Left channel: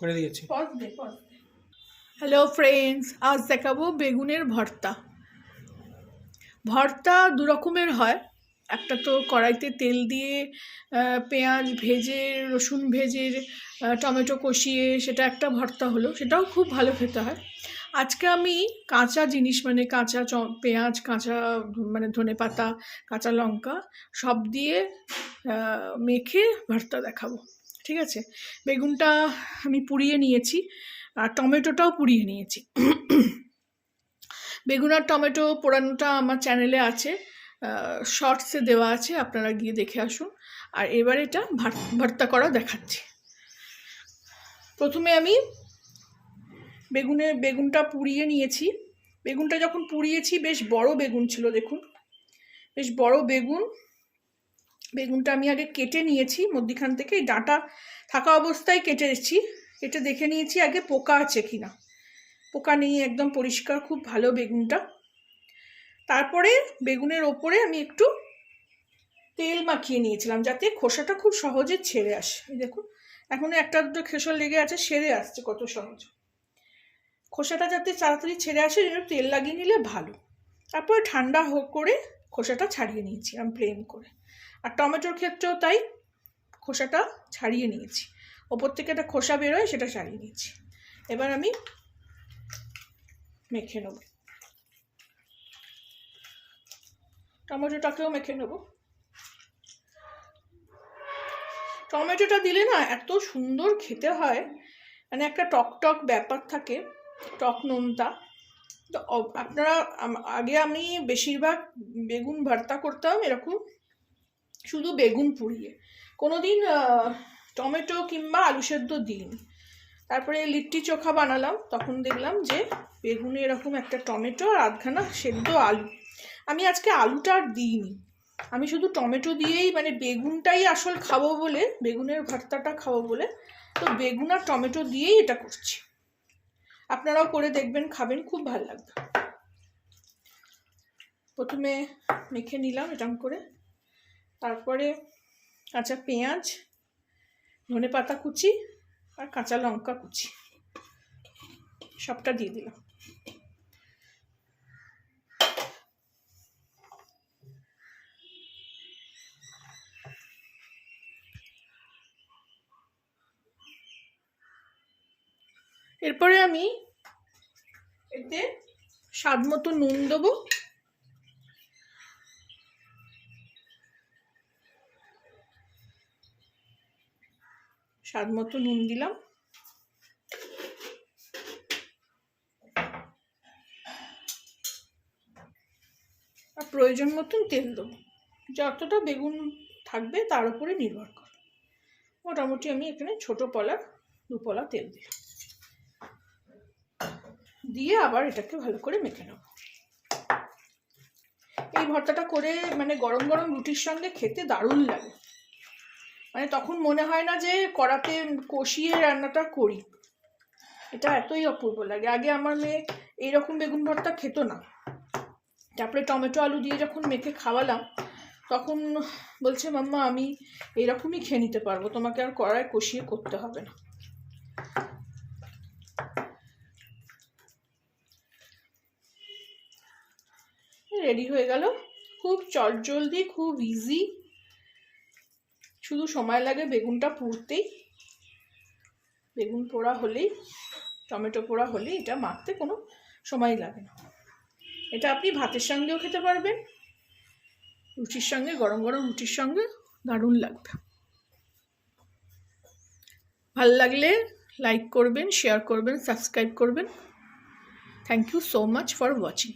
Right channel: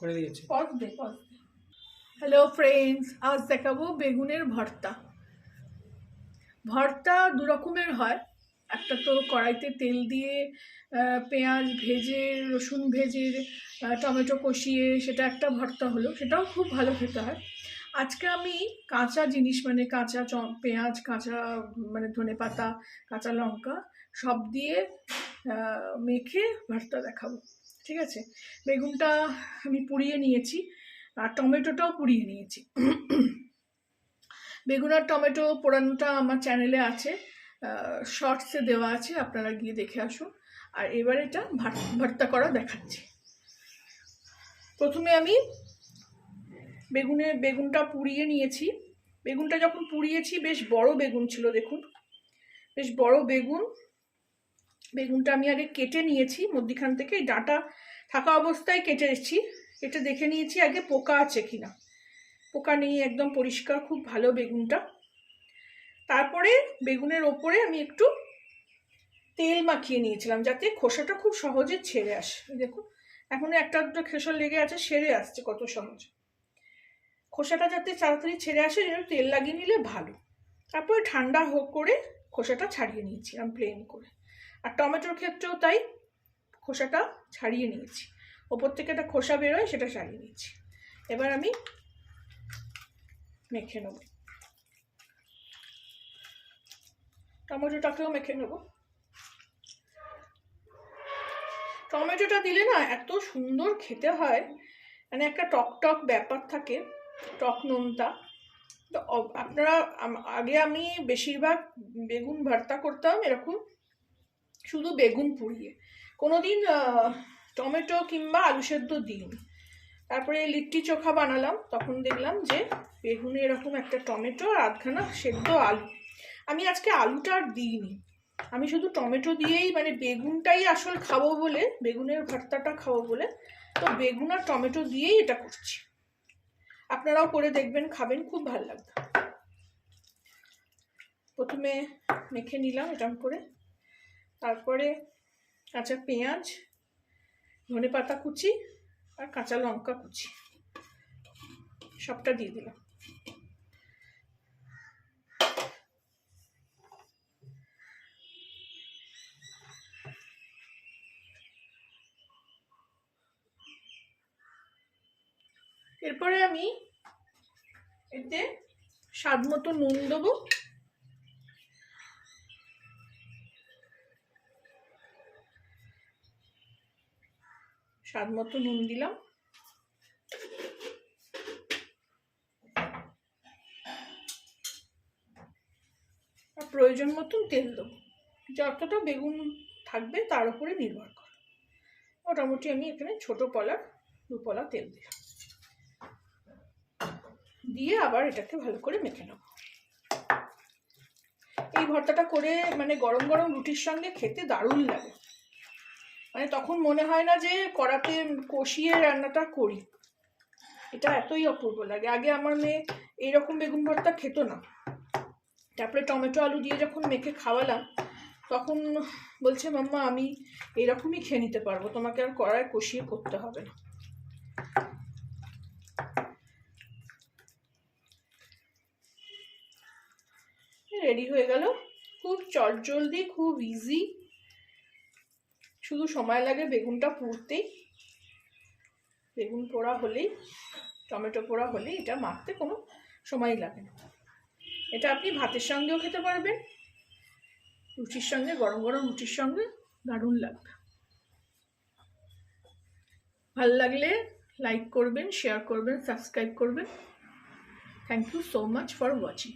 করে দিয়েছি। পজ দে। Hello friends, আজ দেখাবো বেগুনের ভর্তা। ভর্তা দু রকমের হয়। একটা তো কড়াইতে তেল দিয়ে পেঁয়াজ ভেজে, রসুন ভেজে, টমেটো কষিয়ে সেটা একটা ভর্তা হলো, সেটাও খুব ভালো খেতে হয়। আজকে আমি কাঁচা জিনিস মানে কাঁচা পেঁয়াজ, কাঁচা মানে ধনেপাতা, কাঁচা লঙ্কা সব দিয়ে মেখে ভর্তা দেখাবো। ঠিক আছে, বেগুনটা আমি পুড়িয়ে নিয়েছি আর টমেটোটাও পুড়িয়ে নিয়েছি। বেগুন আর টমেটো পোড়ানোটা আমার চ্যানেলে আছে, শর্টসে দেওয়া আছে, আপনারা গিয়ে দেখে আসুন। আর এবার এটা ভর্তা করা দেখাচ্ছি। প্রথমে আমি বেগুনটা পুড়িয়ে নিয়েছি। বেগুনটা যখন পুড়িয়েছি বেশ বড় বেগুন ছিল, দেখুন বেশ বড় বেগুনটা আমি আগে কেটে নিয়েছি মধ্যিখান থেকে, ডাঁটা থাকা অবস্থায় কেটেছি। কেটে দেখে নিয়েছি আগে পোকা আছে কিনা। পোকা নেই, একদম পরিষ্কার, খুব ভালো বেগুনটা। তারপরে বেগুনের ওপরে আমি একটু তেল মাখিয়ে নিয়েছিলাম যাতে খোসাটা খুব সহজে ছেড়ে আসে। দেখুন এখনো একটা দুটো খোসা লেগে আছে, সেরে আসছে কত সহজ। খোসাটা যাতে তাড়াতাড়ি ছেড়ে আসে জন্য তেল লাগিয়ে নিলে ভালো। তারপরে ঠান্ডা করে খোসাটা ছাড়িয়ে নিয়েছিলাম প্লেন করে। আর টমেটোর ক্ষেত্রেও তাই, খোসাটা ছাড়িয়ে নিয়েছি, ওপর থেকে একটা খোসা বেরোয় সেটা ছাড়িয়ে নিয়েছি। এবার আমি মেখে নেব, টমেটোটাকেও মেখে নেব। টমেটোটা দিলে না এত সুন্দর খেতে হয়, মানে একটা টক টক ব্যাপার থাকে, টক নোনতা। তো আপনারা আগে আমি বেশিরভাগ বেগুন ভর্তা করতাম এরকম শুধু বেগুন পুড়িয়ে, কোনোদিন টমেটো কিংবা আলু সেদ্ধ দিইনি। তারপরে লিট্টি চোখা বানালাম, তখন দেখলাম যে বেগুনে এরকম একটা টমেটো আর আধখানা সেদ্ধ আলু। আমি আজকে আলুটা আর দিইনি, আমি শুধু টমেটো দিয়েই, মানে বেগুনটাই আসল খাবো বলে, বেগুনের ভর্তাটা খাবো বলে, তো বেগুন আর টমেটো দিয়েই এটা করছি। আপনারাও করে দেখবেন, খাবেন, খুব ভালো লাগবে। প্রথমে মেখে নিলাম এরকম করে, তারপরে কাঁচা পেঁয়াজ, ধনেপাতা কুচি আর কাঁচা লঙ্কা কুচি সবটা দিয়ে দিলাম। এরপরে আমি এতে স্বাদ মতো নুন দেবো, স্বাদ মতো নুন দিলাম। আর প্রয়োজন মতন তেল দেবো, যতটা বেগুন থাকবে তার উপরে নির্ভর করে। মোটামুটি আমি এখানে ছোট পলার 2 পলা তেল দিলাম, দিয়ে আবার এটাকে ভালো করে মেখে নেব। এই ভর্তাটা করে মানে গরম গরম রুটির সঙ্গে খেতে দারুণ লাগে, মানে তখন মনে হয় না যে কড়াতে কষিয়ে রান্নাটা করি, এটা এতই অপূর্ব লাগে। আগে আমার মেয়ে এইরকম বেগুন ভর্তা খেত না, তারপরে টমেটো আলু দিয়ে যখন মেখে খাওয়ালাম তখন বলছে, মাম্মা আমি এইরকমই খেয়ে নিতে পারবো, তোমাকে আর কড়ায় কষিয়ে করতে হবে না। রেডি হয়ে গেল, খুব চটজলদি, খুব ইজি, শুধু সময় লাগে বেগুনটা পুড়তেই। বেগুন পোড়া হলেই, টমেটো পোড়া হলেই এটা মাখতে কোনো সময় লাগে না। এটা আপনি ভাতের সঙ্গেও খেতে পারবেন, রুটির সঙ্গে, গরম গরম রুটির সঙ্গে দারুণ লাগবে। ভালো লাগলে লাইক করবেন, শেয়ার করবেন, সাবস্ক্রাইব করবেন। Thank you so much for watching.